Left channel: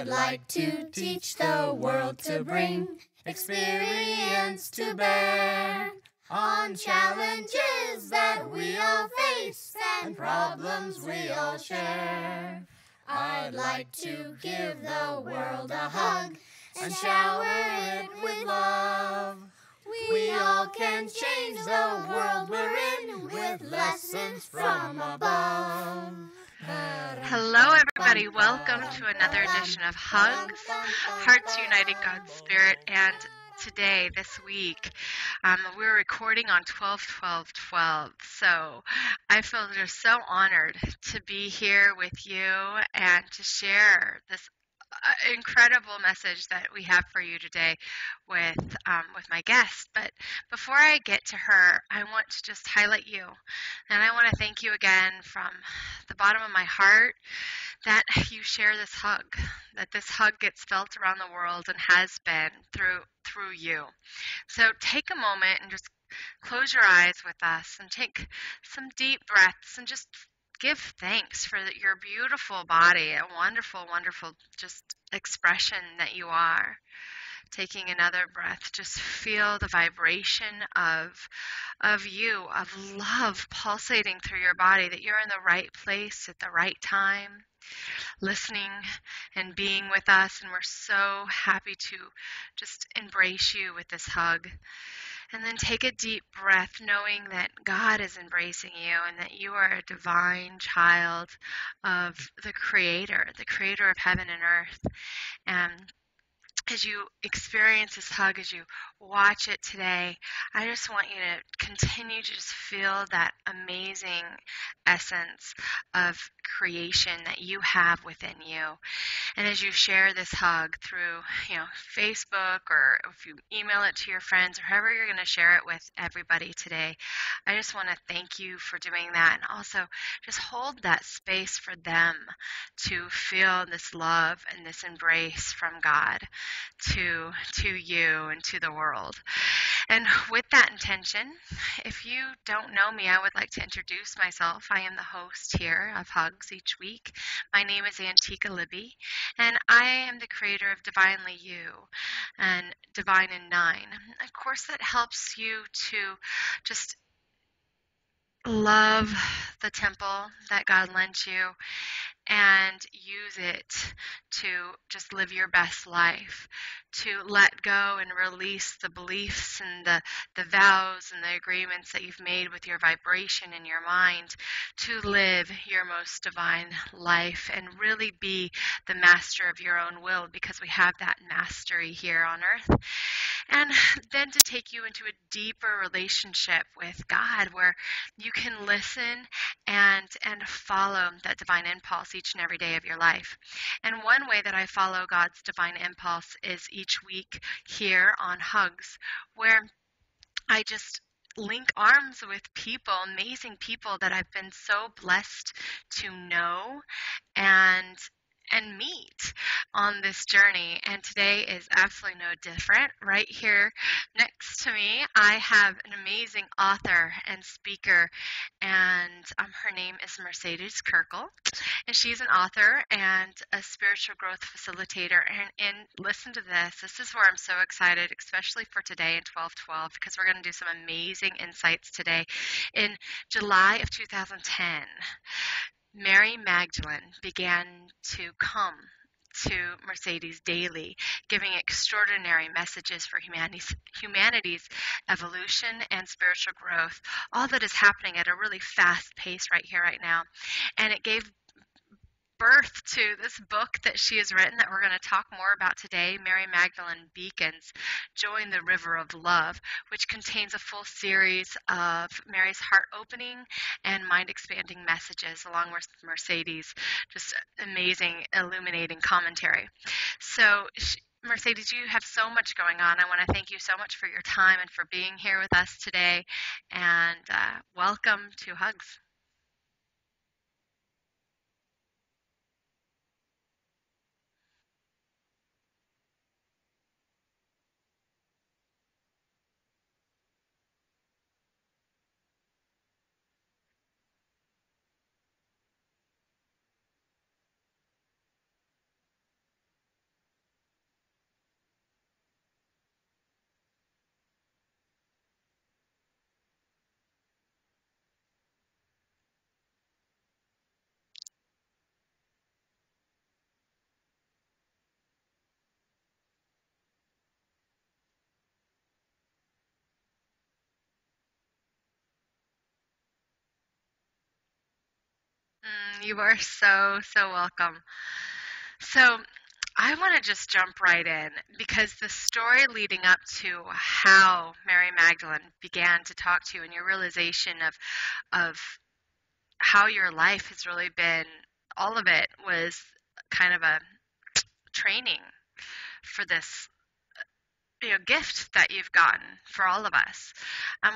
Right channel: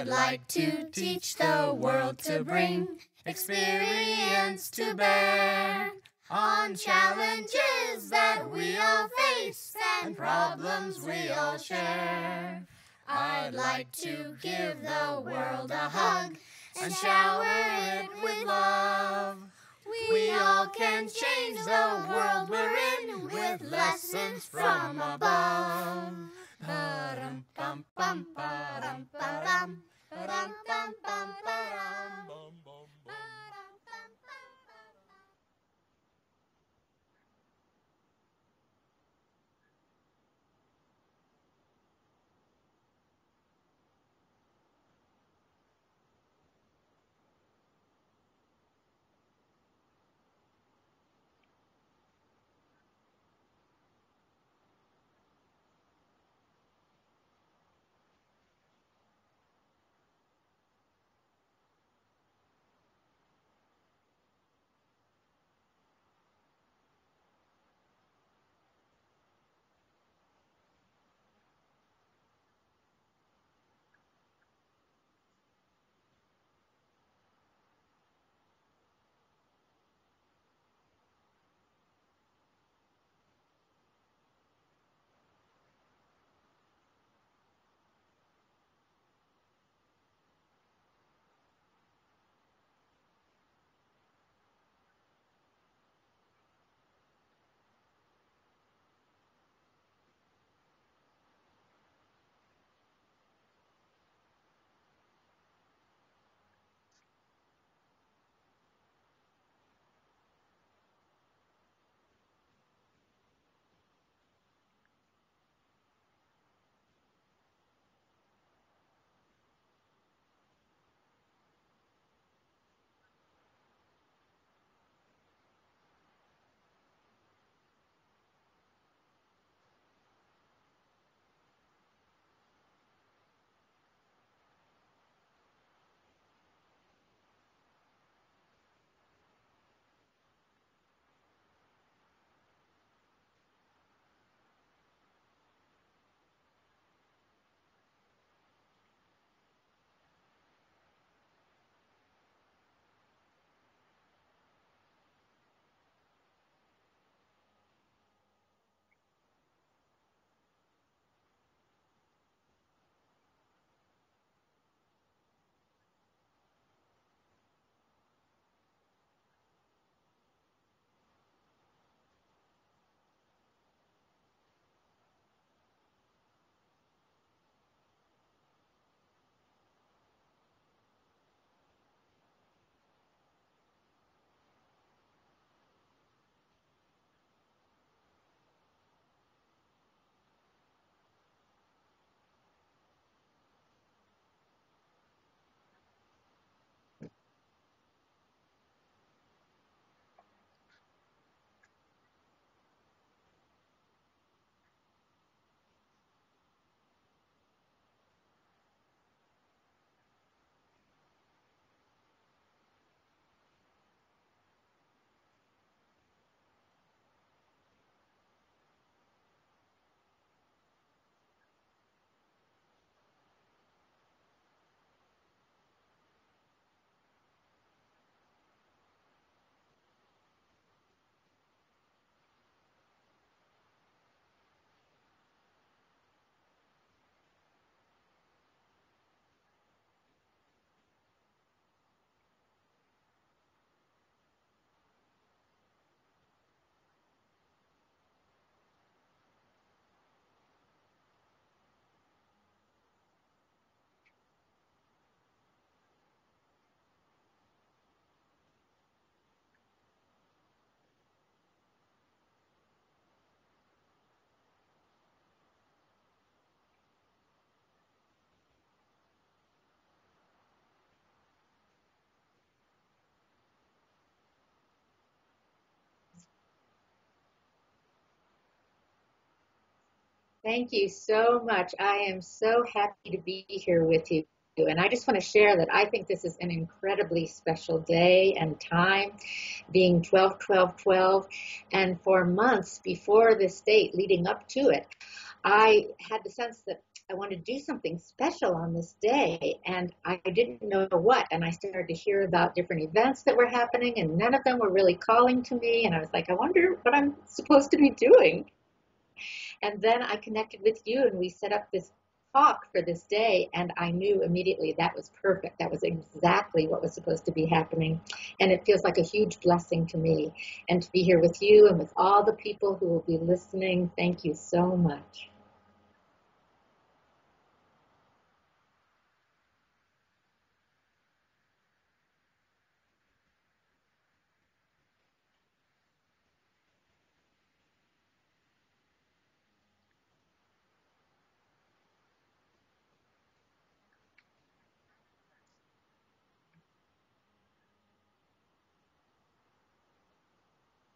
I'd like to teach the world to bring experience to bear on challenges that we all face and problems we all share. I'd like to give the world a hug and shower it with love. We all can change the world we're in with lessons from above. Hello, everybody. Welcome to another edition of HUGS, Hearts United God's Spirit. And today, this week, we're recording on 12/12/12. So I feel just so honored to be here with you and to share this incredible message that we have for you today with my guest. But before I get to her, I want to just highlight you, and I want to thank you again from the bottom of my heart that you share this hug, that this hug gets felt around the world and has been through you. So take a moment and just close your eyes with us and take some deep breaths and just give thanks for your beautiful body, a wonderful, wonderful just expression that you are. Taking another breath, just feel the vibration of you, of love pulsating through your body, that you're in the right place at the right time, listening and being with us, and we're so happy to just embrace you with this hug. And then take a deep breath, knowing that God is embracing you and that you are a divine child of the Creator of heaven and earth. And as you experience this hug, as you watch it today, I just want you to continue to just feel that amazing essence of creation that you have within you. And as you share this hug through, Facebook, or if you email it to your friends, or however you're going to share it with everybody today, I just want to thank you for doing that, and also just hold that space for them to feel this love and this embrace from God to you and to the world. And with that intention, if you don't know me, I would like to introduce myself. I am the host here of HUGS each week. My name is Antiqua, and I am the creator of Divinely You and Divine in 9, a course that helps you to just love the temple that God lent you and use it to just live your best life, to let go and release the beliefs and the vows and the agreements that you've made with your vibration in your mind, to live your most divine life and really be the master of your own will, because we have that mastery here on earth. And then to take you into a deeper relationship with God, where you can listen and follow that divine impulse each and every day of your life. And one way that I follow God's divine impulse is each week here on HUGS, where I just link arms with people, amazing people that I've been so blessed to know and meet on this journey. And today is absolutely no different. Right here next to me, I have an amazing author and speaker, and her name is Mercedes Kirkel, and she's an author and a spiritual growth facilitator. And listen to this. This is where I'm so excited, especially for today in 12/12, because we're going to do some amazing insights today. In July of 2010, Mary Magdalene began to come to Mercedes daily, giving extraordinary messages for humanity's evolution and spiritual growth, all that is happening at a really fast pace right here, right now. And it gave birth to this book that she has written that we're going to talk more about today, Mary Magdalene Beckons, Join the River of Love, which contains a full series of Mary's heart-opening and mind-expanding messages, along with Mercedes' just amazing illuminating commentary. So Mercedes, you have so much going on. I want to thank you so much for your time and for being here with us today, and welcome to HUGS. Thank you so much. I am so happy to be here with you. And I just want to share that I think this is an incredibly special day and time, being 12/12/12. And for months before this date, leading up to it, I had the sense that I want to do something special on this day, and I didn't know what. And I started to hear about different events that were happening, and none of them were really calling to me. And I was like, I wonder what I'm supposed to be doing. And then I connected with you, and we set up this talk for this day, and I knew immediately that was perfect. That was exactly what was supposed to be happening. And it feels like a huge blessing to me. And to be here with you and with all the people who will be listening, thank you so much. You are so, so welcome. So I want to just jump right in, because the story leading up to how Mary Magdalene began to talk to you and your realization of how your life has really been, all of it was kind of a training for this gift that you've gotten for all of us.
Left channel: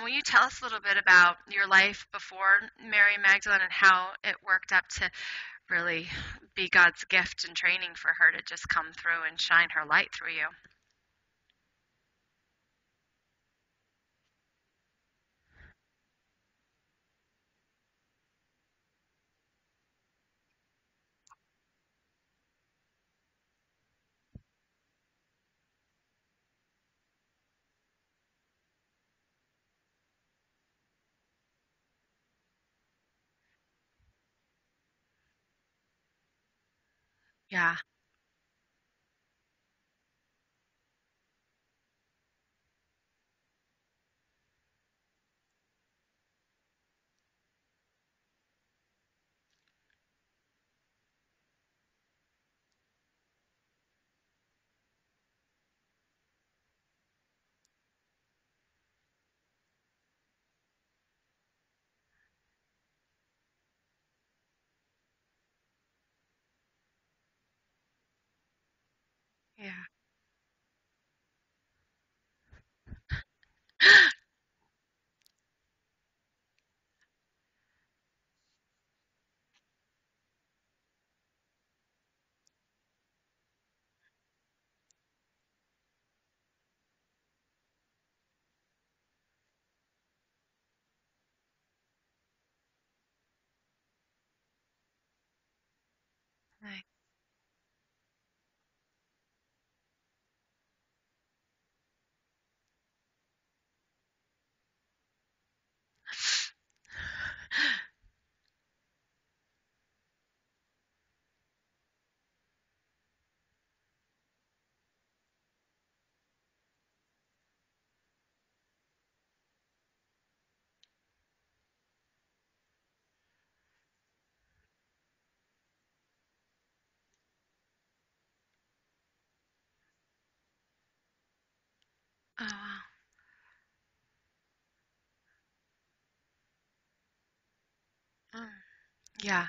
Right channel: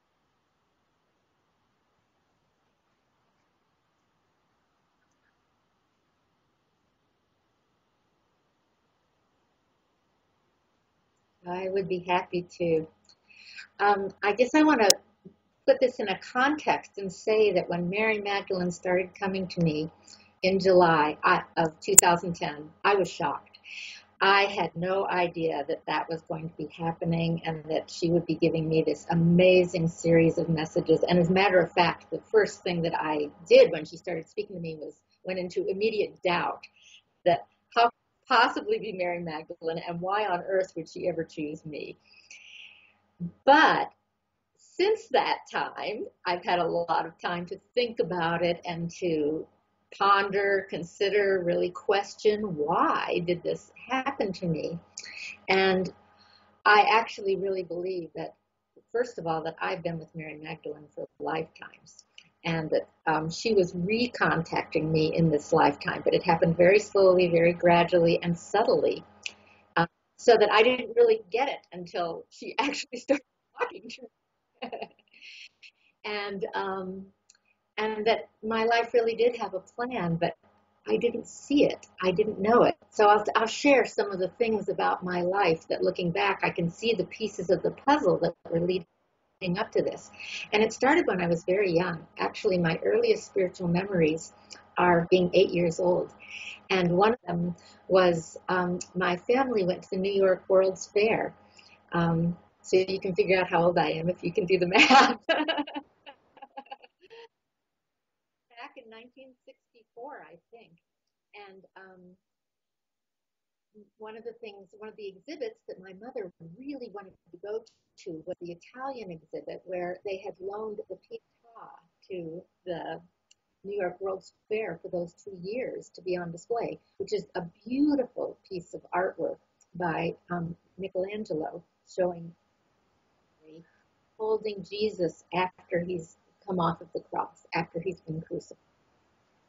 Will you tell us a little bit about your life before Mary Magdalene and how it worked up to really be God's gift and training for her to just come through and shine her light through you? I would be happy to. I guess I want to put this in a context and say that when Mary Magdalene started coming to me in July of 2010, I was shocked. I had no idea that that was going to be happening and that she would be giving me this amazing series of messages. And as a matter of fact, the first thing that I did when she started speaking to me was went into immediate doubt that how could it possibly be Mary Magdalene, and why on earth would she ever choose me? But since that time, I've had a lot of time to think about it and to ponder, consider, really question, why did this happen to me? And I actually really believe that, first of all, that I've been with Mary Magdalene for lifetimes, and that she was recontacting me in this lifetime, but it happened very slowly, very gradually, and subtly, so that I didn't really get it until she actually started talking. And that my life really did have a plan, but I didn't see it. I didn't know it. So I'll share some of the things about my life that, looking back, I can see the pieces of the puzzle that were leading up to this. And it started when I was very young. Actually, my earliest spiritual memories are being 8 years old. And one of them was my family went to the New York World's Fair. So you can figure out how old I am if you can do the math. Back in 1964, I think. And one of the exhibits that my mother really wanted to go to was the Italian exhibit, where they had loaned the Pietà to the New York World's Fair for those 2 years to be on display, which is a beautiful piece of artwork by Michelangelo, showing holding Jesus after he's come off of the cross, after he's been crucified. Yeah.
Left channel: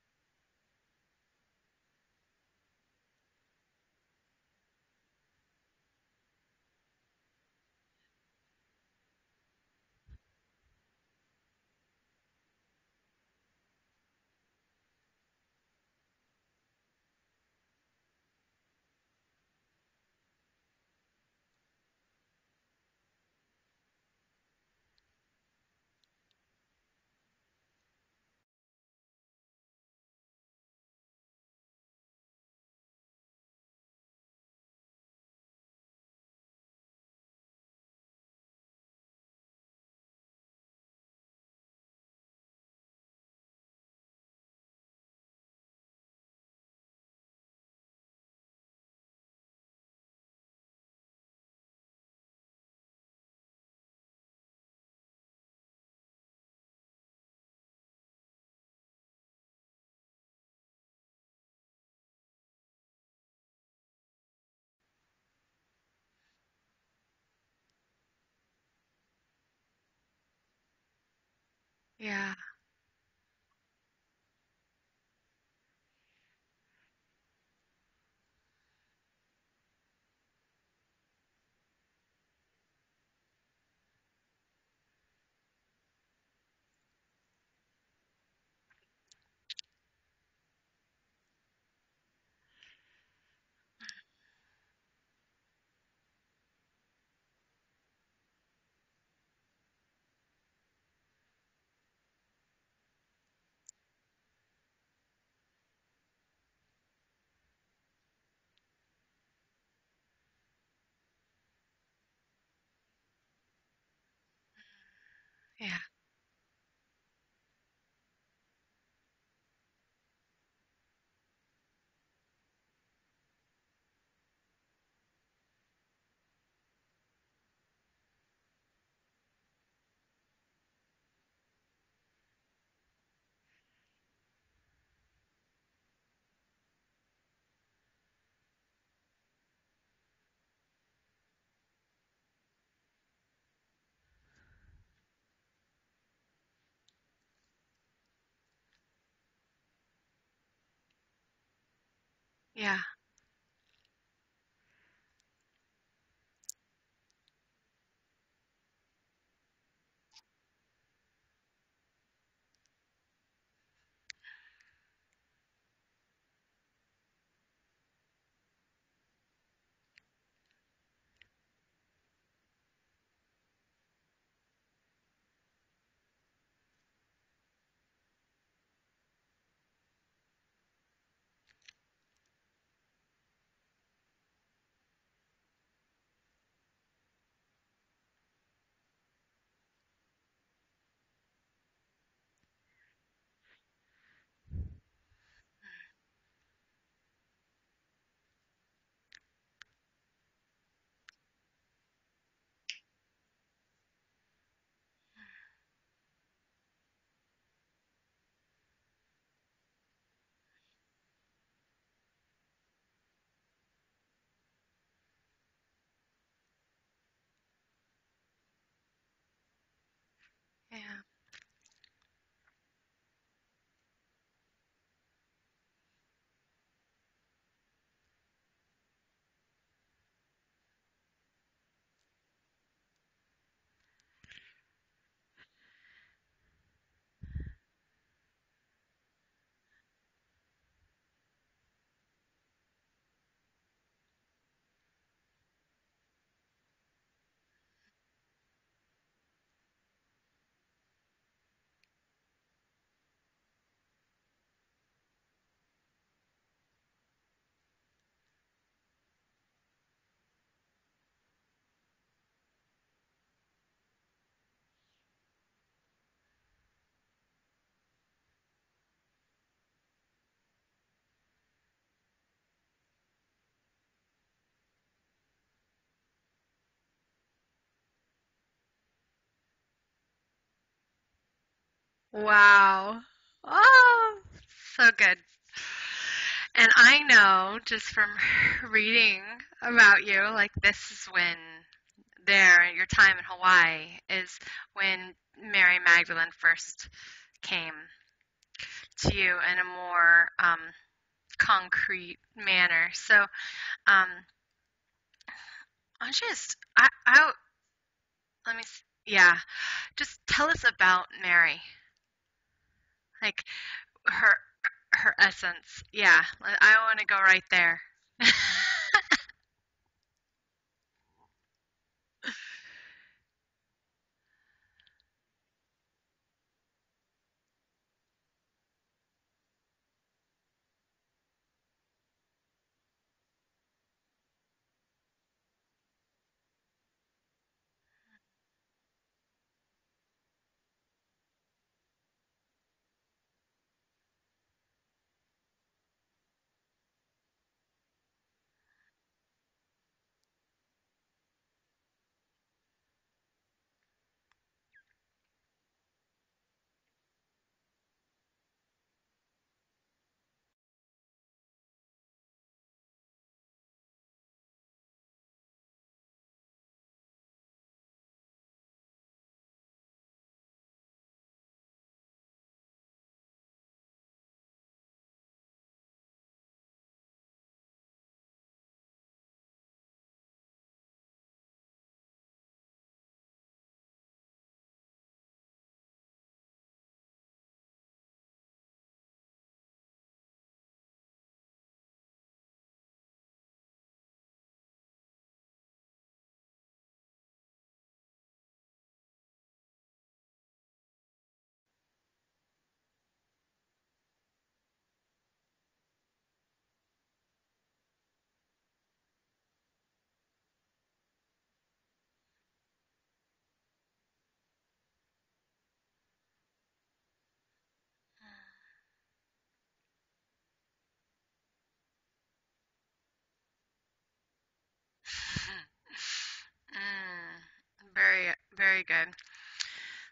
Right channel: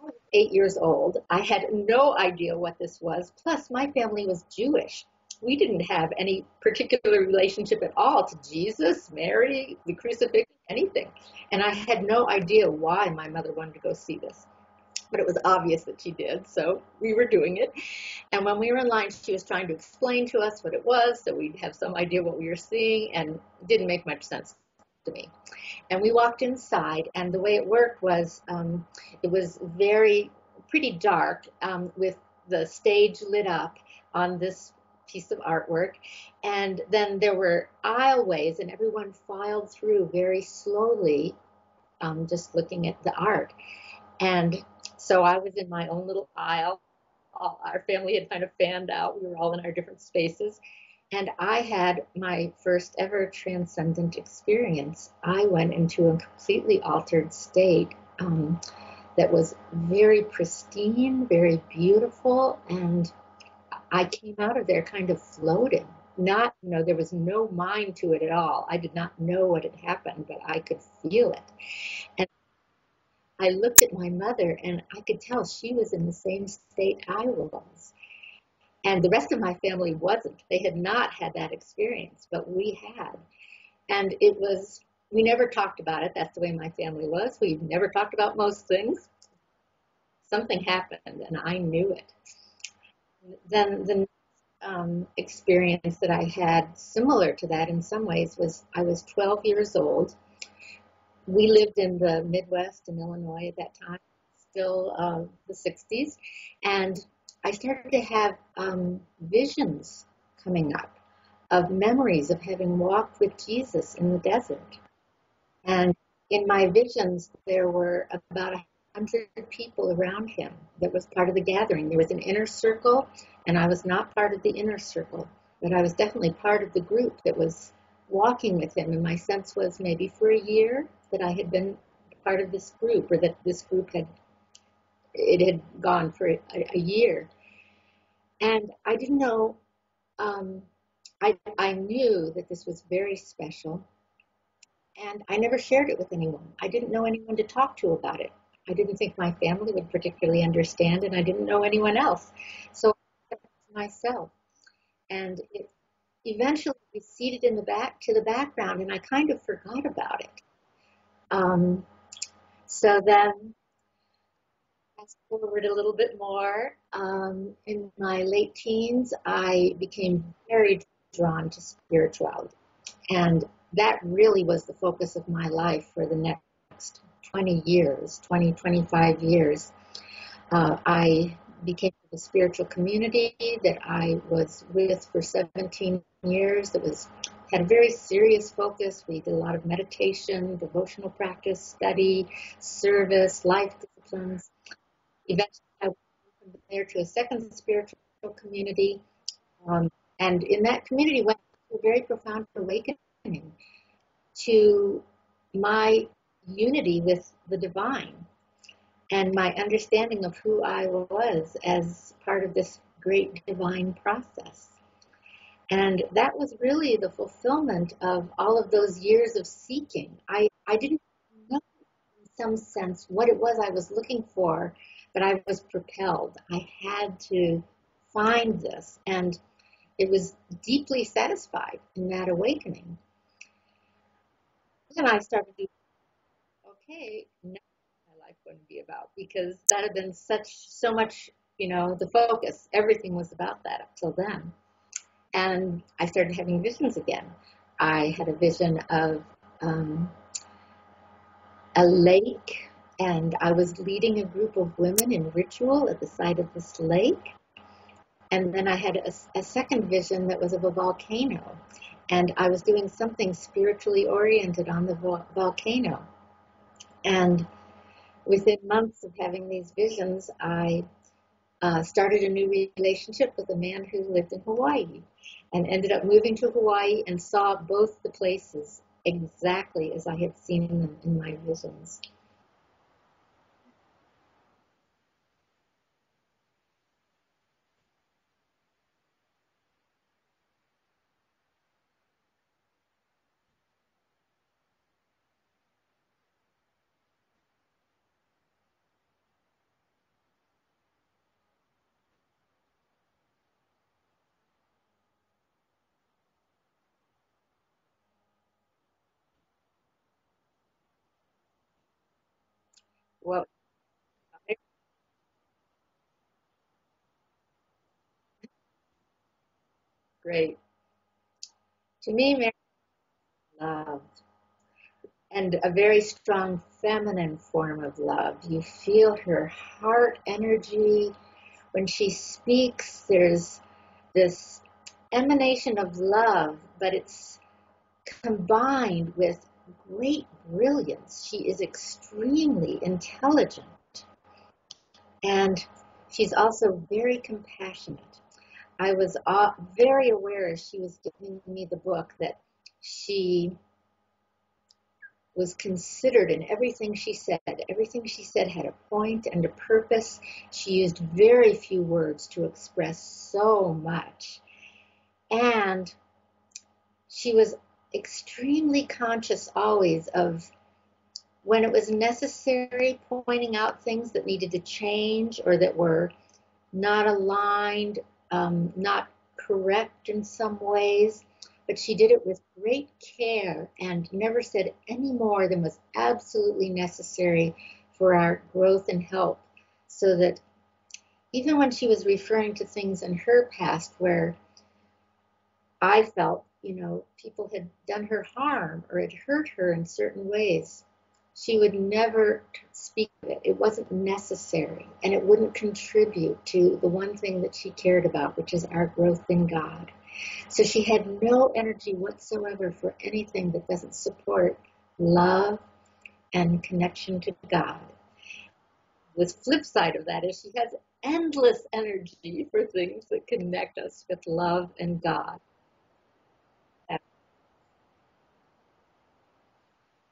I was 8 years old. I had no idea what this was. Plus, my family was Jewish. We didn't have any particular relationship at all to Jesus, Mary, the crucifixion, anything. And I had no idea why my mother wanted to go see this. But it was obvious that she did, so we were doing it. And when we were in line, she was trying to explain to us what it was, so we'd have some idea what we were seeing, and it didn't make much sense to me. And we walked inside, and the way it worked was it was pretty dark, with the stage lit up on this piece of artwork. And then there were aisleways, and everyone filed through very slowly, just looking at the art. And so I was in my own little aisle. Our family had kind of fanned out. We were all in our different spaces. And I had my first ever transcendent experience. I went into a completely altered state that was very pristine, very beautiful. And I came out of there kind of floating. There was no mind to it at all. I did not know what had happened, but I could feel it. Yeah. And I looked at my mother, and I could tell she was in the same state I was. And the rest of my family wasn't. They had not had that experience, but we had. And we never talked about it. That's the way my family was. We never talked about most things. Something happened, and I knew it. Then the experience that I had, similar to that in some ways, was I was 12 years old. We lived in the Midwest in Illinois at that time. still the 60s. And I started to have visions coming up of memories of having walked with Jesus in the desert. Yeah. And in my visions, there were about 100 people around him that was part of the gathering. There was an inner circle, and I was not part of the inner circle, but I was definitely part of the group that was walking with him. And my sense was maybe for a year that I had been part of this group, or that this group had gone for a year. And I didn't know, I knew that this was very special, and I never shared it with anyone. I didn't know anyone to talk to about it. I didn't think my family would particularly understand, and I didn't know anyone else. Yeah. So I kept it to myself. And it eventually receded in the background, and I kind of forgot about it. So then, fast forward a little bit more. In my late teens, I became very drawn to spirituality. And that really was the focus of my life for the next 20 years, 20, 25 years. I became the spiritual community that I was with for 17 years that had a very serious focus. We did a lot of meditation, devotional practice, study, service, life disciplines. Eventually, I went from there to a second spiritual community. And in that community went through a very profound awakening to my unity with the divine and my understanding of who I was as part of this great divine process. And that was really the fulfillment of all of those years of seeking. I didn't know in some sense what it was I was looking for, but I was propelled. I had to find this, and it was deeply satisfied in that awakening. And I started to, okay, now what's my life going to be about? Because that had been so much, the focus. Everything was about that up till then. And I started having visions again. I had a vision of a lake, and I was leading a group of women in ritual at the side of this lake. And then I had a second vision that was of a volcano, and I was doing something spiritually oriented on the volcano. And within months of having these visions, I started a new relationship with a man who lived in Hawaii, and ended up moving to Hawaii and saw both the places exactly as I had seen them in my visions. Wow. Oh, so good. And I know just from reading about you, like this is when your time in Hawaii is when Mary Magdalene first came to you in a more concrete manner. So, let me, yeah, just tell us about Mary, like Well, her essence. Yeah, I want to go right there. great. To me, Mary loved, and a very strong feminine form of love. You feel her heart energy. When she speaks, there's this emanation of love, but it's combined with great brilliance. She is extremely intelligent, and she's also very compassionate. I was very aware as she was giving me the book that she was considered in everything she said. Everything she said had a point and a purpose. She used very few words to express so much. And she was extremely conscious always of when it was necessary, pointing out things that needed to change or that were not aligned, not correct in some ways. But she did it with great care and never said any more than was absolutely necessary for our growth and help. So that even when she was referring to things in her past where I felt, people had done her harm or had hurt her in certain ways, she would never speak of it. It wasn't necessary, and it wouldn't contribute to the one thing that she cared about, which is our growth in God. So she had no energy whatsoever for anything that doesn't support love and connection to God. The flip side of that is she has endless energy for things that connect us with love and God. Very, very good.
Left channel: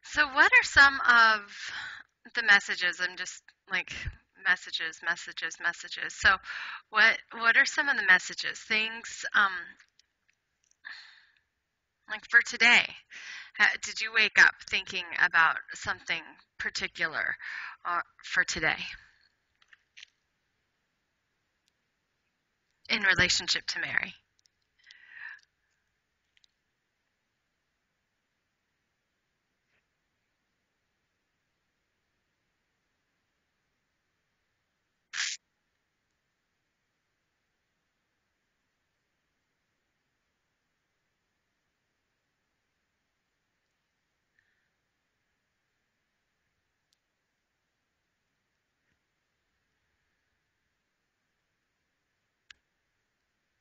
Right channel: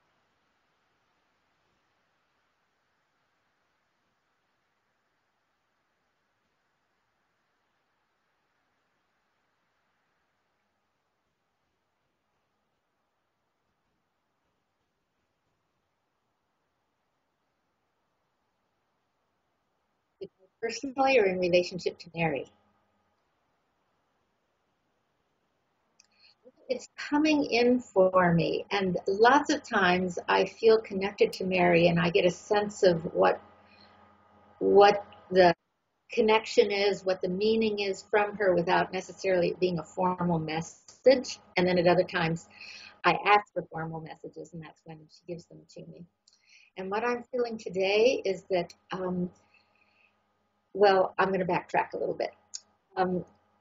So what are some of the messages? I'm just like messages. So what are some of the messages? Things like for today. Did you wake up thinking about something particular for today? Personally or in relationship to Mary? In relationship to Mary. It's coming in for me, and lots of times I feel connected to Mary, and I get a sense of what the connection is, what the meaning is from her, without necessarily being a formal message. And then at other times, I ask for formal messages, and that's when she gives them to me. And what I'm feeling today is that, well, I'm going to backtrack a little bit.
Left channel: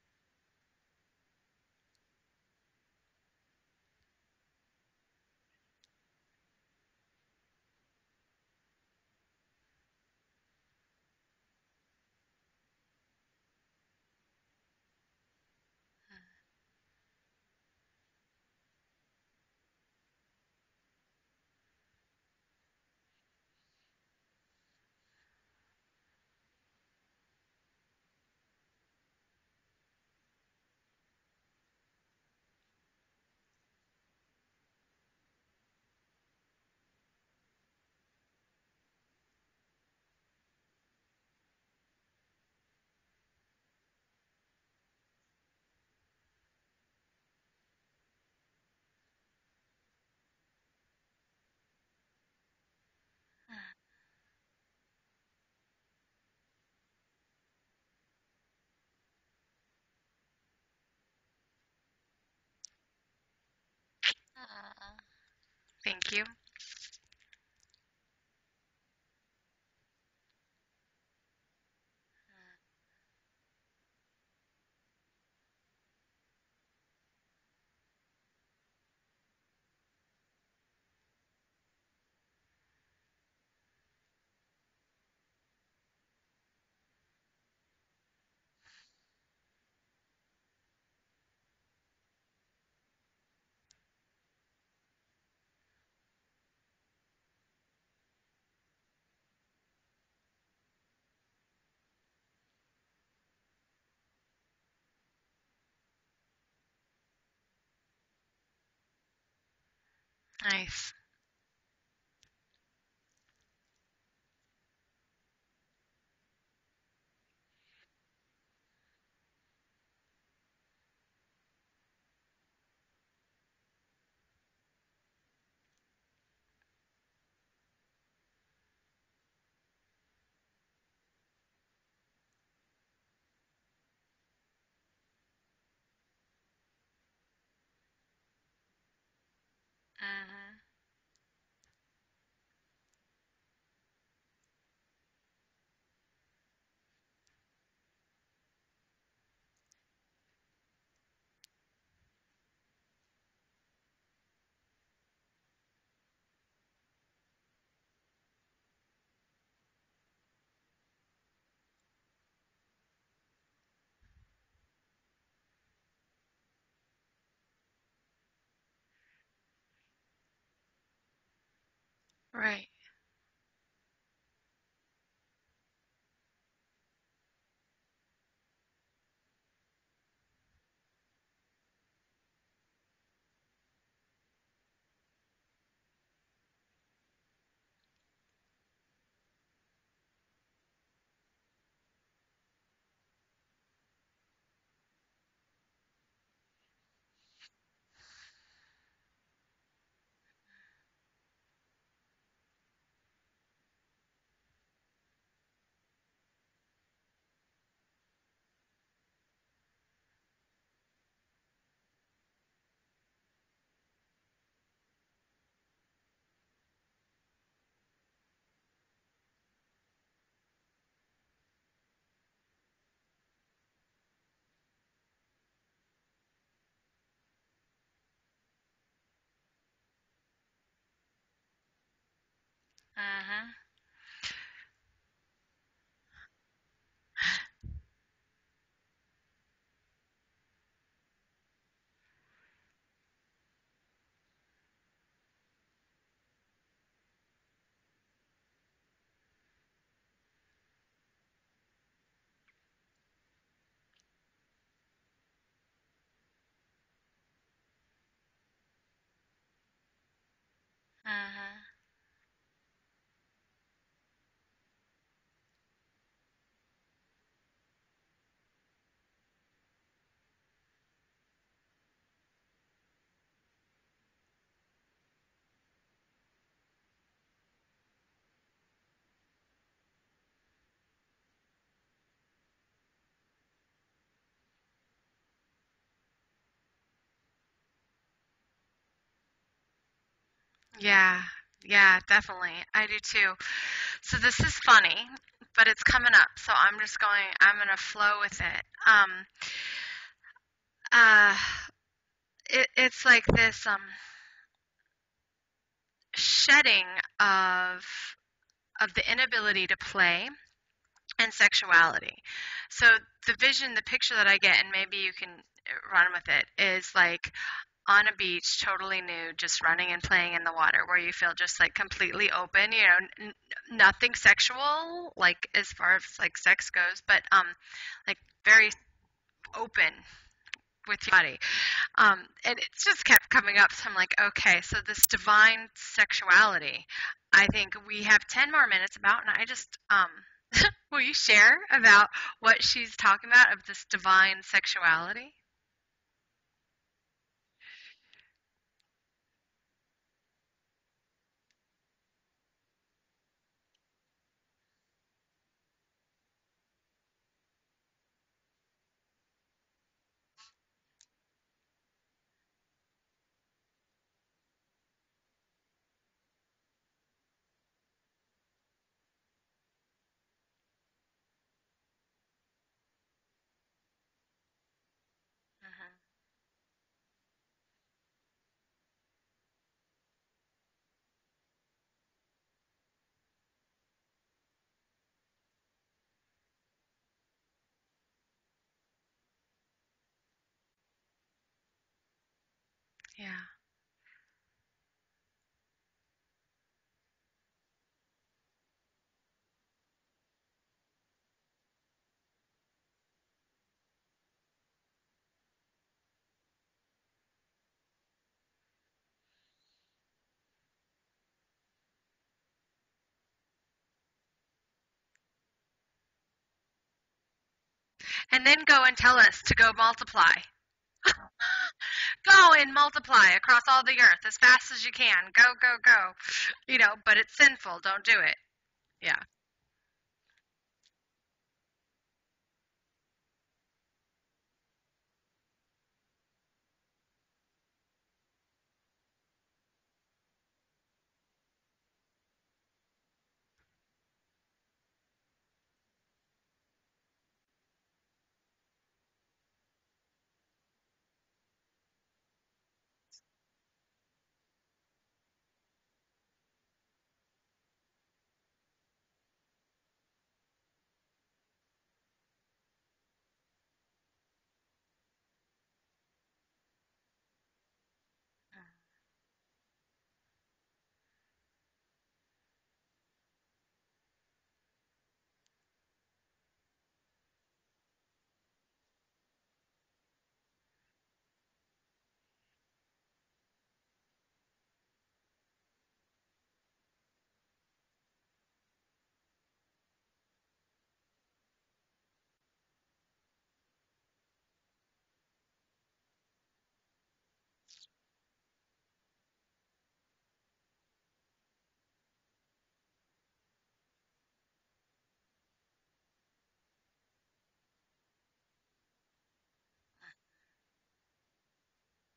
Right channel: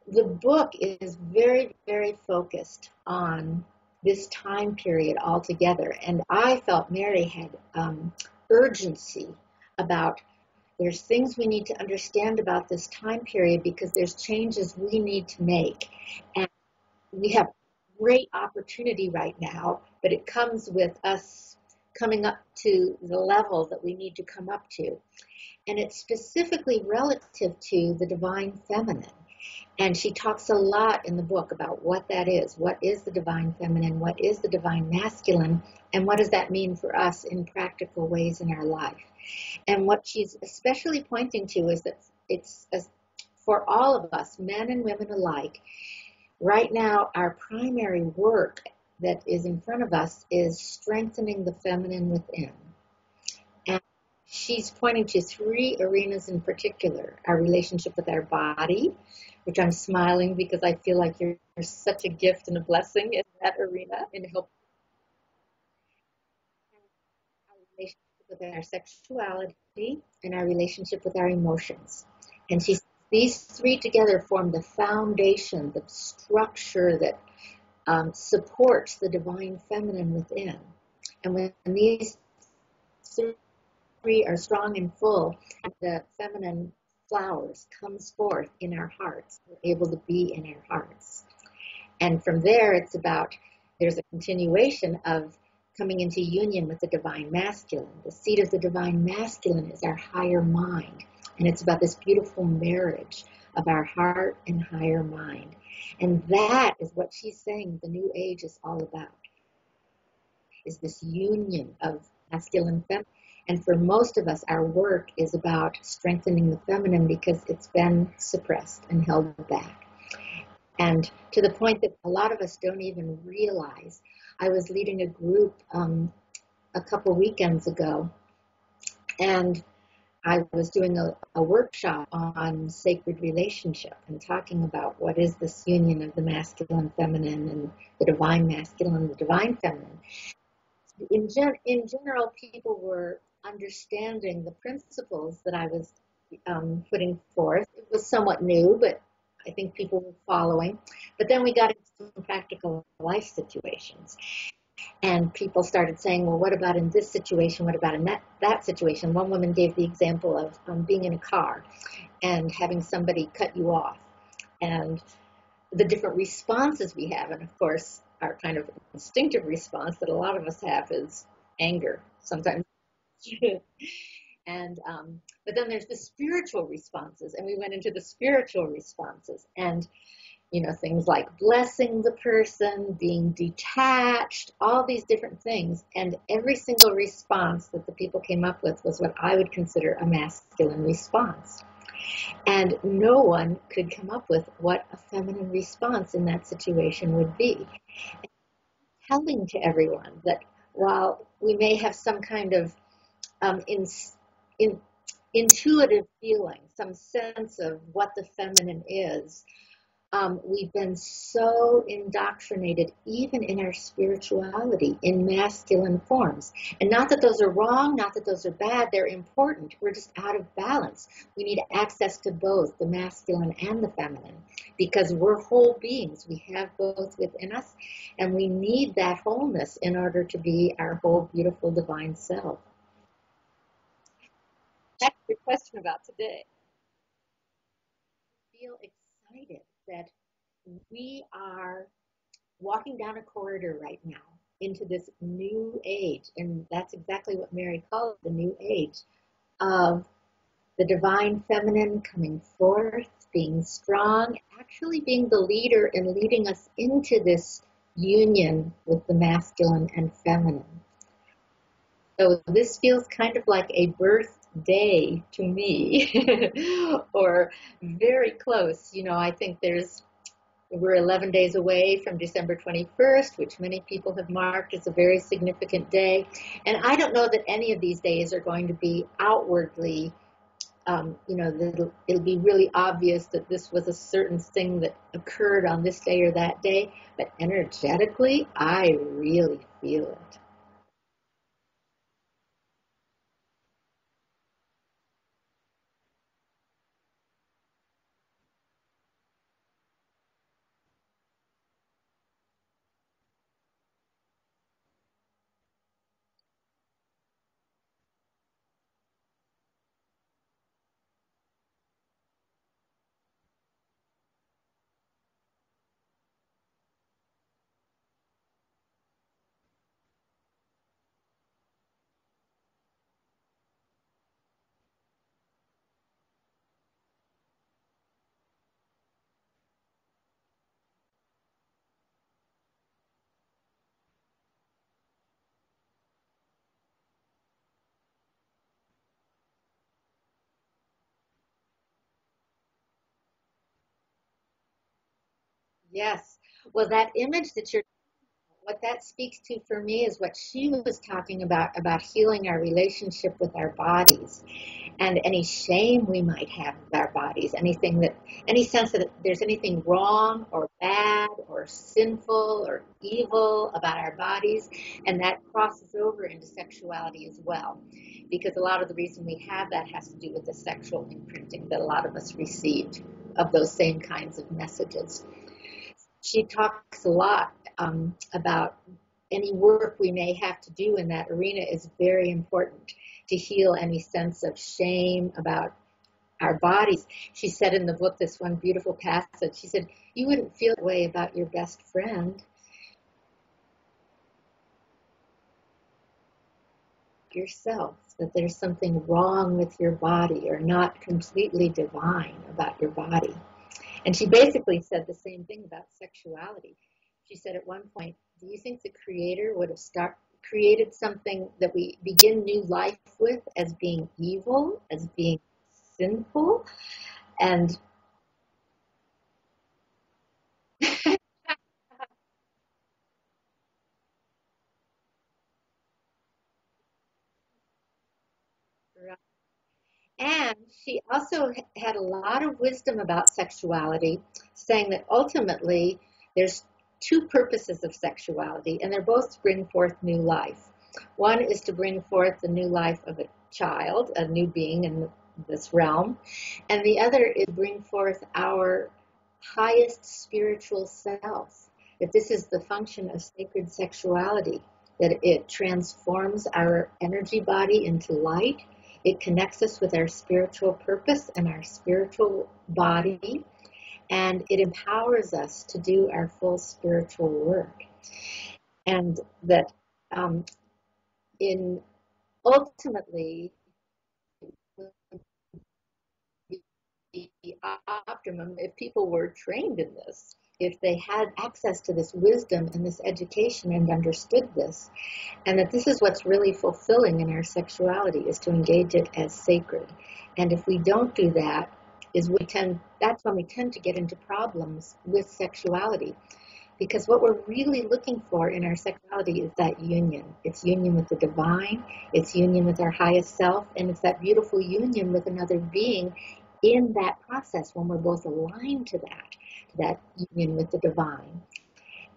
The book is very, very focused on this time period altogether. And I felt Mary had urgency about there's things we need to understand about this time period because there's changes we need to make. And we have great opportunity right now, but it comes with us coming up to the level that we need to come up to. And it's specifically relative to the divine feminine. And she talks a lot in the book about what that is. What is the divine feminine? What is the divine masculine? And what does that mean for us in practical ways in our life? And what she's especially pointing to is that it's for all of us, men and women alike, right now our primary work that is in front of us is strengthening the feminine within. And she's pointing to 3 arenas in particular: our relationship with our body, which I'm smiling because I feel like you're such a gift and a blessing in that arena in helping. Thank you. Our relationship with our sexuality and our relationship with our emotions. And these 3 together form the foundation, the structure that supports the divine feminine within. And when these 3 are strong and full, the feminine flowers comes forth in our hearts. We're able to be in our hearts. And from there, it's about, there's a continuation of coming into union with the divine masculine. The seat of the divine masculine is our higher mind. And it's about this beautiful marriage of our heart and higher mind. And that is what she's saying the new age is all about. Nice. It's this union of masculine and feminine. And for most of us, our work is about strengthening the feminine because it's been suppressed and held back. And to the point that a lot of us don't even realize. I was leading a group a couple weekends ago, and I was doing a workshop on sacred relationship and talking about what is this union of the masculine, feminine, and the divine masculine and the divine feminine. In general, people were understanding the principles that I was putting forth. It was somewhat new, but I think people were following. But then we got into some practical life situations. And people started saying, well, what about in this situation? What about in that situation? One woman gave the example of being in a car and having somebody cut you off. And the different responses we have. And of course, our kind of instinctive response that a lot of us have is anger sometimes. Right. And but then there's the spiritual responses, and we went into the spiritual responses, and things like blessing the person, being detached, all these different things. And every single response that the people came up with was what I would consider a masculine response. And no one could come up with what a feminine response in that situation would be. And telling to everyone that while we may have some kind of intuitive feeling, some sense of what the feminine is, We've been so indoctrinated, even in our spirituality, in masculine forms. And not that those are wrong, not that those are bad, they're important. We're just out of balance. We need access to both the masculine and the feminine because we're whole beings. We have both within us, and we need that wholeness in order to be our whole, beautiful, divine self. Mm-hmm. That's your question about today. I feel excited that we are walking down a corridor right now into this new age, and that's exactly what Mary called it, the new age of the divine feminine coming forth, being strong, actually being the leader and leading us into this union with the masculine and feminine. So this feels kind of like a birthday to me, or very close. You know, I think we're 11 days away from December 21st, which many people have marked as a very significant day. And I don't know that any of these days are going to be outwardly, it'll be really obvious that this was a certain thing that occurred on this day or that day. But energetically, I really feel it. Yeah, definitely. I do too. So this is funny, but it's coming up. So I'm going to flow with it. It's like this shedding of the inability to play and sexuality. So the picture that I get, and maybe you can run with it, is like on a beach, totally nude, just running and playing in the water, where you feel just like completely open, nothing sexual, like as far as like sex goes, but like very open with your body. And it's just kept coming up. So I'm like, okay, so this divine sexuality, I think we have 10 more minutes about, and I just, will you share about what she's talking about of this divine sexuality? Yes. Well, that image what that speaks to for me is what she was talking about healing our relationship with our bodies and any shame we might have with our bodies, any sense that there's anything wrong or bad or sinful or evil about our bodies, and that crosses over into sexuality as well, because a lot of the reason we have that has to do with the sexual imprinting that a lot of us received of those same kinds of messages. She talks a lot about any work we may have to do in that arena is very important to heal any sense of shame about our bodies. She said in the book, this one beautiful passage, she said, you wouldn't feel that way about your best friend. Yeah. Yourself, that there's something wrong with your body or not completely divine about your body. And she basically said the same thing about sexuality. She said at one point, do you think the Creator would have created something that we begin new life with as being evil, as being sinful? And then go and tell us to go multiply. Go and multiply across all the earth as fast as you can. Go. But it's sinful. Don't do it. Yeah. And she also had a lot of wisdom about sexuality, saying that ultimately there's two purposes of sexuality, and they're both to bring forth new life. One is to bring forth the new life of a child, a new being in this realm, and the other is bring forth our highest spiritual self. That this is the function of sacred sexuality, that it transforms our energy body into light. It connects us with our spiritual purpose and our spiritual body, and it empowers us to do our full spiritual work. And that ultimately, the optimum, if people were trained in this, if they had access to this wisdom and this education and understood this, and that this is what's really fulfilling in our sexuality, is to engage it as sacred. And if we don't do that, that's when we tend to get into problems with sexuality. Because what we're really looking for in our sexuality is that union. It's union with the divine, it's union with our highest self, and it's that beautiful union with another being in that process when we're both aligned to that union with the divine.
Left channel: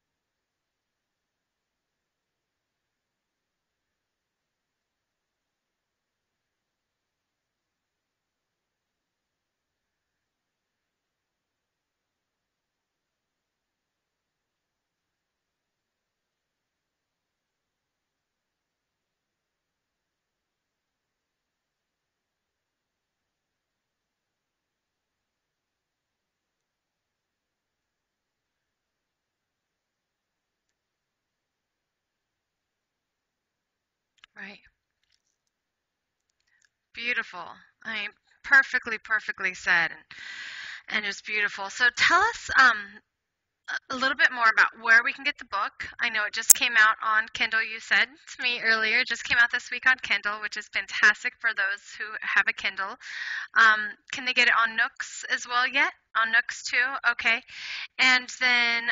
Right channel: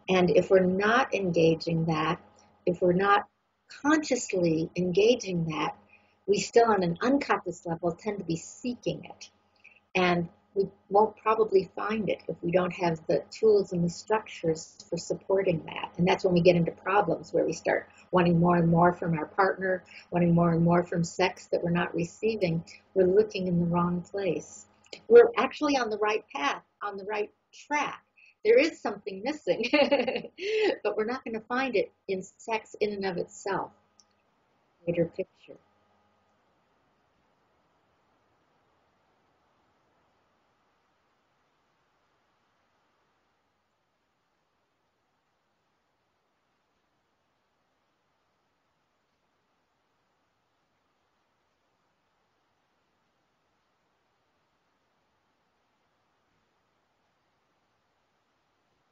And if we're not engaging that, if we're not consciously engaging that, we still on an unconscious level tend to be seeking it. And we won't probably find it if we don't have the tools and the structures for supporting that. And that's when we get into problems where we start wanting more and more from our partner, wanting more and more from sex that we're not receiving. We're looking in the wrong place. We're actually on the right path, on the right track. There is something missing, but we're not going to find it in sex in and of itself. Right. Greater picture. Beautiful. I mean, perfectly said, and just beautiful. So tell us a little bit more about where we can get the book. I know it just came out on Kindle. You said to me earlier, it just came out this week on Kindle, which is fantastic for those who have a Kindle. Can they get it on Nooks as well yet? On Nooks too? Okay. And then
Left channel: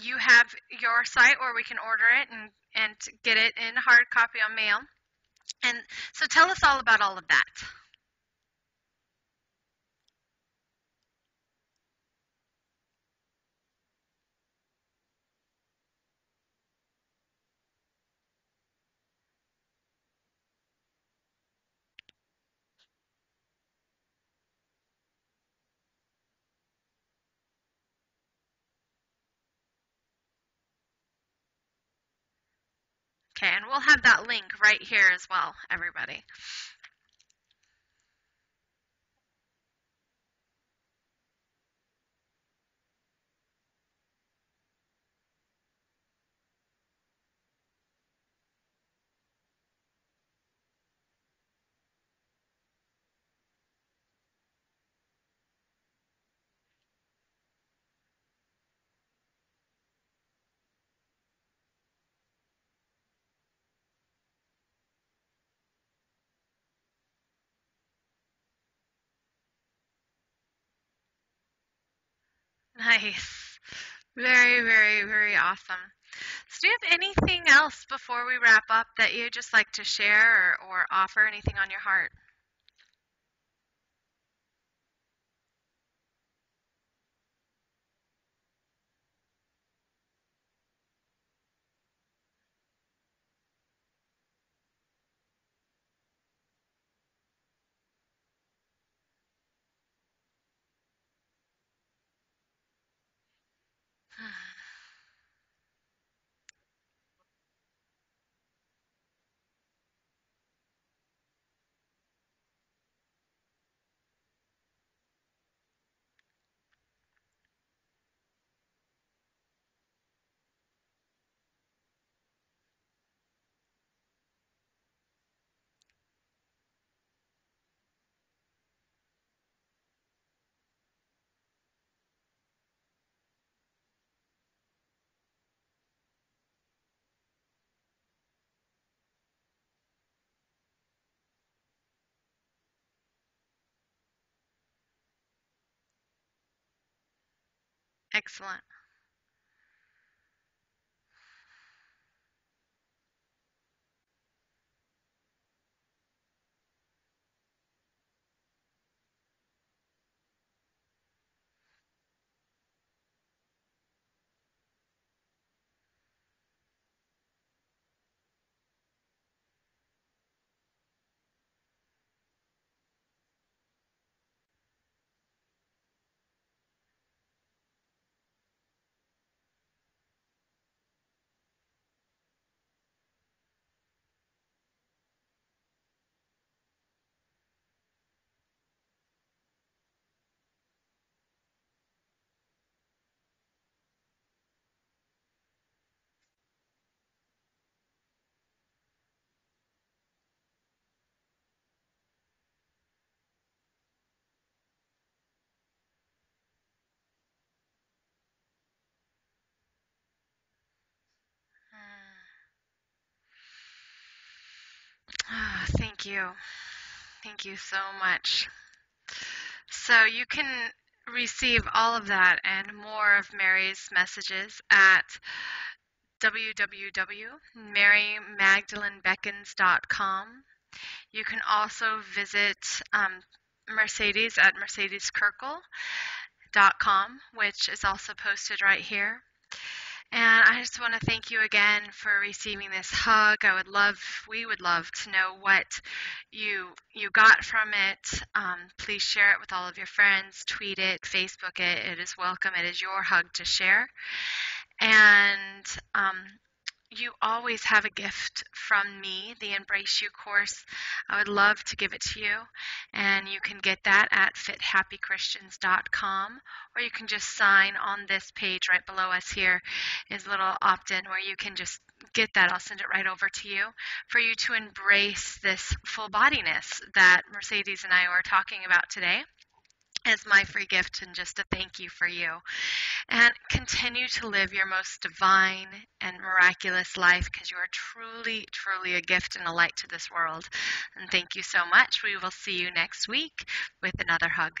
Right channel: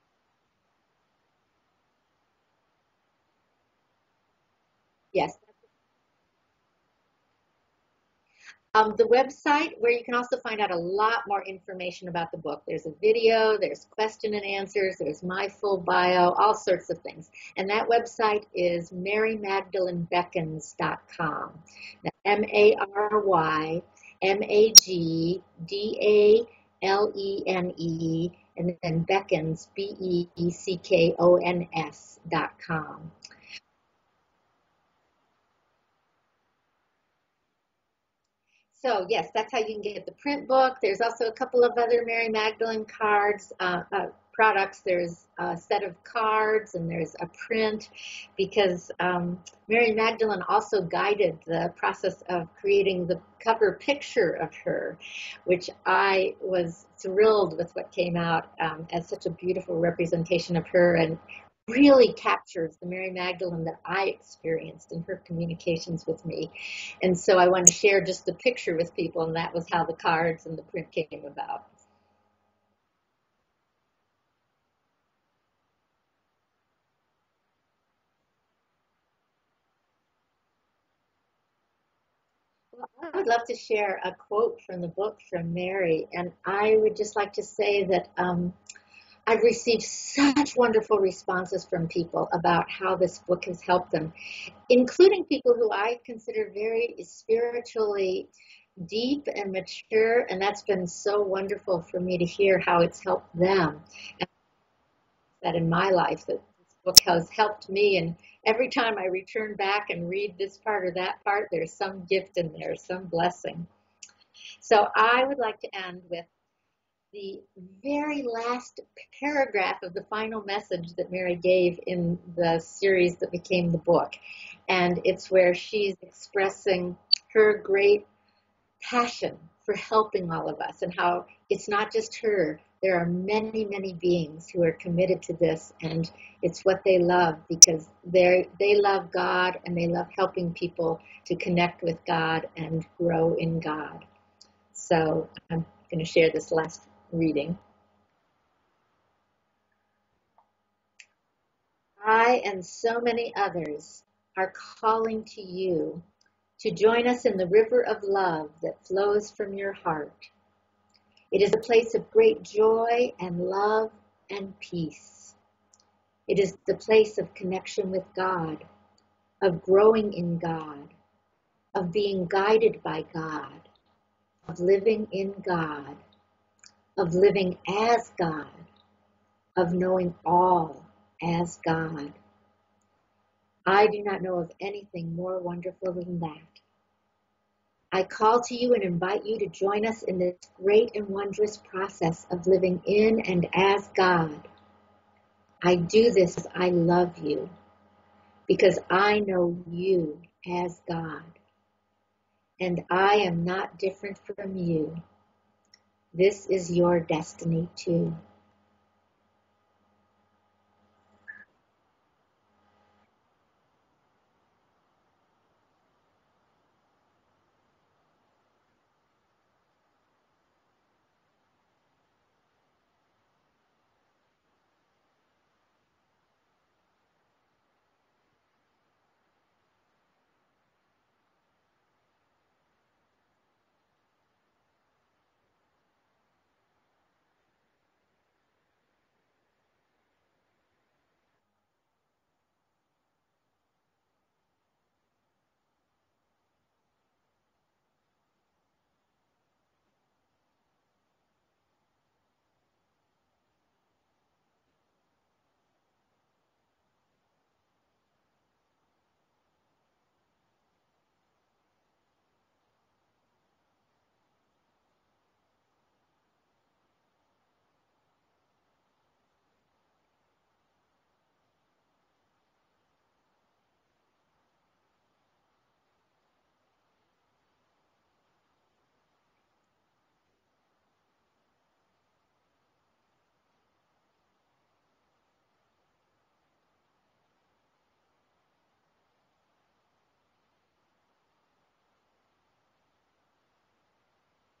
you have your site where we can order it and get it in hard copy on mail. Yes. And so tell us all about all of that. The website, where you can also find out a lot more information about the book. There's a video, there's question and answers, there's my full bio, all sorts of things. And that website is MaryMagdaleneBeckons.com. MaryMagdalene, and then Beckons, Beckons.com. Okay, and we'll have that link right here as well, everybody. So yes, that's how you can get the print book. There's also a couple of other Mary Magdalene cards, products. There's a set of cards and there's a print, because Mary Magdalene also guided the process of creating the cover picture of her, which I was thrilled with what came out as such a beautiful representation of her, and really captures the Mary Magdalene that I experienced in her communications with me. And so I wanted to share just the picture with people, and that was how the cards and the print came about. Nice. Very awesome. So do you have anything else before we wrap up that you'd just like to share or offer anything on your heart? Well, I would love to share a quote from the book from Mary, and I would just like to say that I've received such wonderful responses from people about how this book has helped them, including people who I consider very spiritually deep and mature, and that's been so wonderful for me to hear how it's helped them. And that in my life, that this book has helped me, and every time I return back and read this part or that part, there's some gift in there, some blessing. So I would like to end with the very last paragraph of the final message that Mary gave in the series that became the book. And it's where she's expressing her great passion for helping all of us, and how it's not just her. There are many beings who are committed to this, and it's what they love, because they love God and they love helping people to connect with God and grow in God. So I'm going to share this last reading. Excellent. I and so many others are calling to you to join us in the river of love that flows from your heart. It is a place of great joy and love and peace. It is the place of connection with God, of growing in God, of being guided by God, of living in God, of living as God, of knowing all as God. I do not know of anything more wonderful than that. I call to you and invite you to join us in this great and wondrous process of living in and as God. I do this as I love you, because I know you as God, and I am not different from you. This is your destiny too. Thank you. Thank you so much. So you can receive all of that and more of Mary's messages at www.marymagdalenebeckons.com. You can also visit Mercedes at mercedeskirkel.com, which is also posted right here. And I just want to thank you again for receiving this hug. We would love to know what you got from it. Please share it with all of your friends, tweet it, Facebook it. It is welcome. It is your hug to share. And you always have a gift from me, the Embrace You course. I would love to give it to you, and you can get that at fithappychristians.com, or you can just sign on this page right below us. Here is a little opt-in where you can just get that. I'll send it right over to you for you to embrace this full bodiness that Mercedes and I were talking about today as my free gift and just a thank you for you. And continue to live your most divine and miraculous life, because you are truly, truly a gift and a light to this world. And thank you so much. We will see you next week with another hug.